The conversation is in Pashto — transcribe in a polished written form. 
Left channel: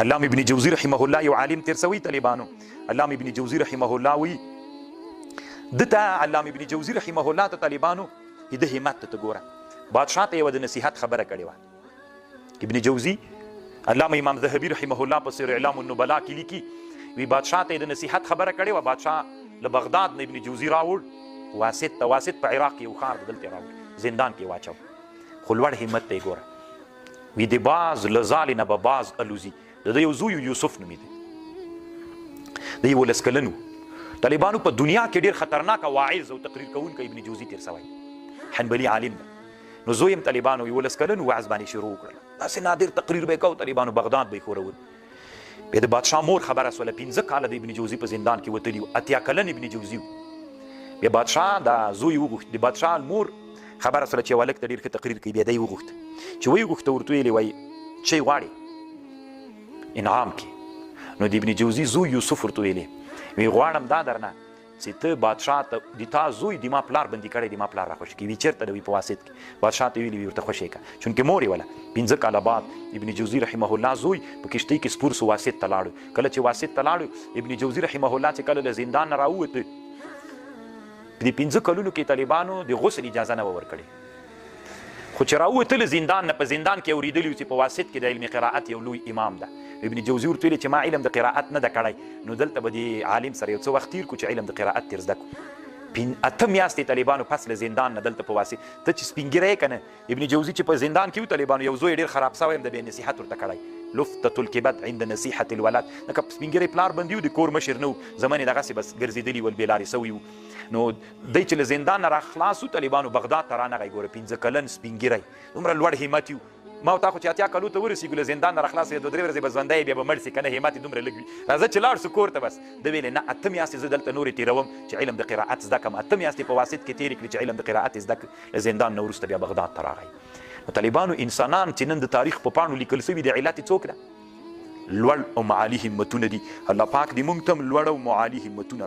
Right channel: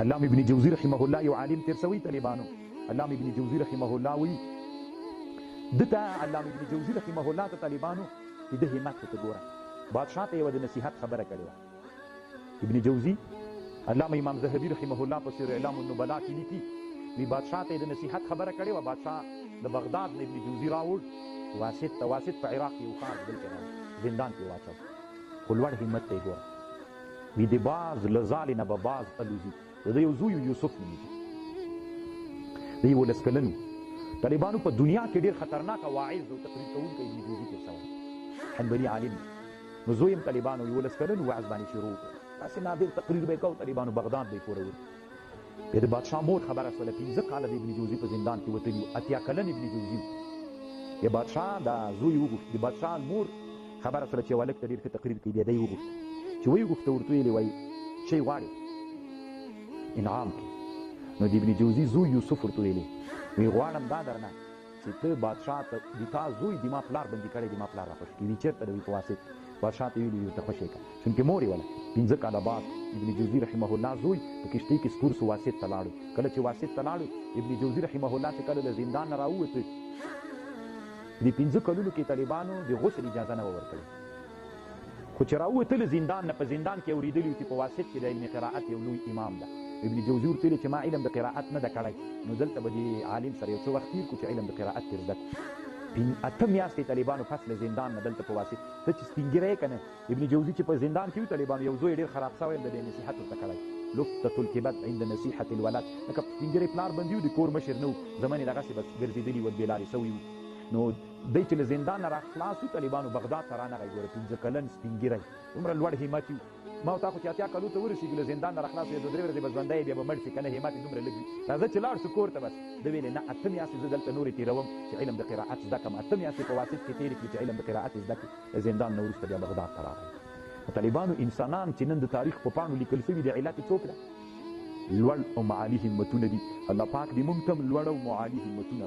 علامه ابن جوزی رحمه الله یو عالم تیر سوی طالبانو، علامه ابن جوزی رحمه الله وی دته علامه ابن جوزی رحمه الله ته طالبانو د همت ته ګوره، بادشاہ ته یو د نصیحت خبره کړې وه. ابن جوزی علامه امام ذهبی رحمه الله په سیر اعلام النبلاء کې لیکي وی بادشاہ ته د نصیحت خبره کړې وه. بادشاہ له بغداد نه ابن جوزی راوړ واسط ته، واسط په عراق کې یو ښار دلته راوړ، زندان کې واچو، خو لوړ همت ته یې ګوره. وی د باز له ځالې نه به باز الوزي. د ده یو زوی یوسف نومېده، د 11 کلن و. طالبانو په دنیا کې ډېر خطرناکه واعظ او تقریر کوونکی ابن جوزي تیر سوی، حنبلي عالم دی. نو زوی هم طالبانو 11 کلن وعظ باندې شروع کړ، داسې نادر تقریر به یې کو، طالبانو بغداد به یې خورول. بیا د بادشاه مور خبره سوله، 15 کاله د ابن جوزي په زندان کې وتلي و، 80 کلن ابن جوزي و. بیا بادشاه دا زوی وغوښت، د بادشاه مور خبره سوله چې هلک ته ډېر ښه تقریر کوي. بیا دی وغوښت چې ویې غوښته، ورته ویلې وایي څه غواړې انعام کې. نو د ابن جوزي زوی یوسف ورته ویلې وی غواړم دا درنه چې ته بادشاه ته د تا زوی د ما پلار بندي کړی، د ما پلار راخوشي کوي. وی چېرته دی؟ وی په واسط کې. بادشاه ته ویلي وی ورته خوشې کړه، چونکې مور یې وله 15 کاله بعد ابن جوزي رحمه الله زوی په کشتۍ کې سپور سو واسط ته لاړو. کله چې واسط ته لاړو ابن جوزي رحمه الله چې کله له زندان نه راووته، په دې 15 کلونو کې طالبانو د غسل اجازه نه وه ورکړې، خو چې راووته له زندان نه، په زندان کې اورېدلي وو چې په واسط کې د علم قرائت یو لوی امام ده. ابن جوزي ورته ویلې چې ما علم د قرائت نه ده کړی، نو دلته به د عالم سره یو څه وخت تېر کړو چې علم د قرائت تېر زده کړو. 8 میاشتې طالبانو پس له زندان نه دلته په واسط، ته چې سپین ږیری یې که نه، ابن جوزي چې په زندان کې و طالبانو، یو زوی ډېر خراب سوی د بې نصیحت ورته کړی، لفتة الکبد عند نصیحة الولد. لکه سپین ږیری پلار بندي و، د کور مشر نه و، زمن یې دغسې بس ګرځېدلي ول، بېلارې سوي وو. نو دی چې له زندان نه راخلاص و طالبانو بغداد ته رانغی. ګوره 15 کلن سپین ږیری، دومره لوړ همت یو. ما او تا خو چې 80 کلو ته ورسېږو، له زندان نه راخلاص یې 2-3 ورځې به ژوندی بیا به مړ سي که نه، همت یې دومره لږ وي. راځه چې لاړ سو کور ته. بس ده ویلې نه، 8 میاشتې زه دلته نورې تېروم چې علم د قرائت زده کړم. 8 میاشتې په واسط کې تېرې کړې چې علم د قرائت یې زده کړ. له زندان نه وروسته بیا بغداد ته راغی. نو طالبانو انسانان چې نن د تاریخ په پاڼو لیکل سوي د علت یې څوک ده؟ لوړ او معالي همتونه دي. الله پاک دې موږ ته هم لوړ او معالي همتونه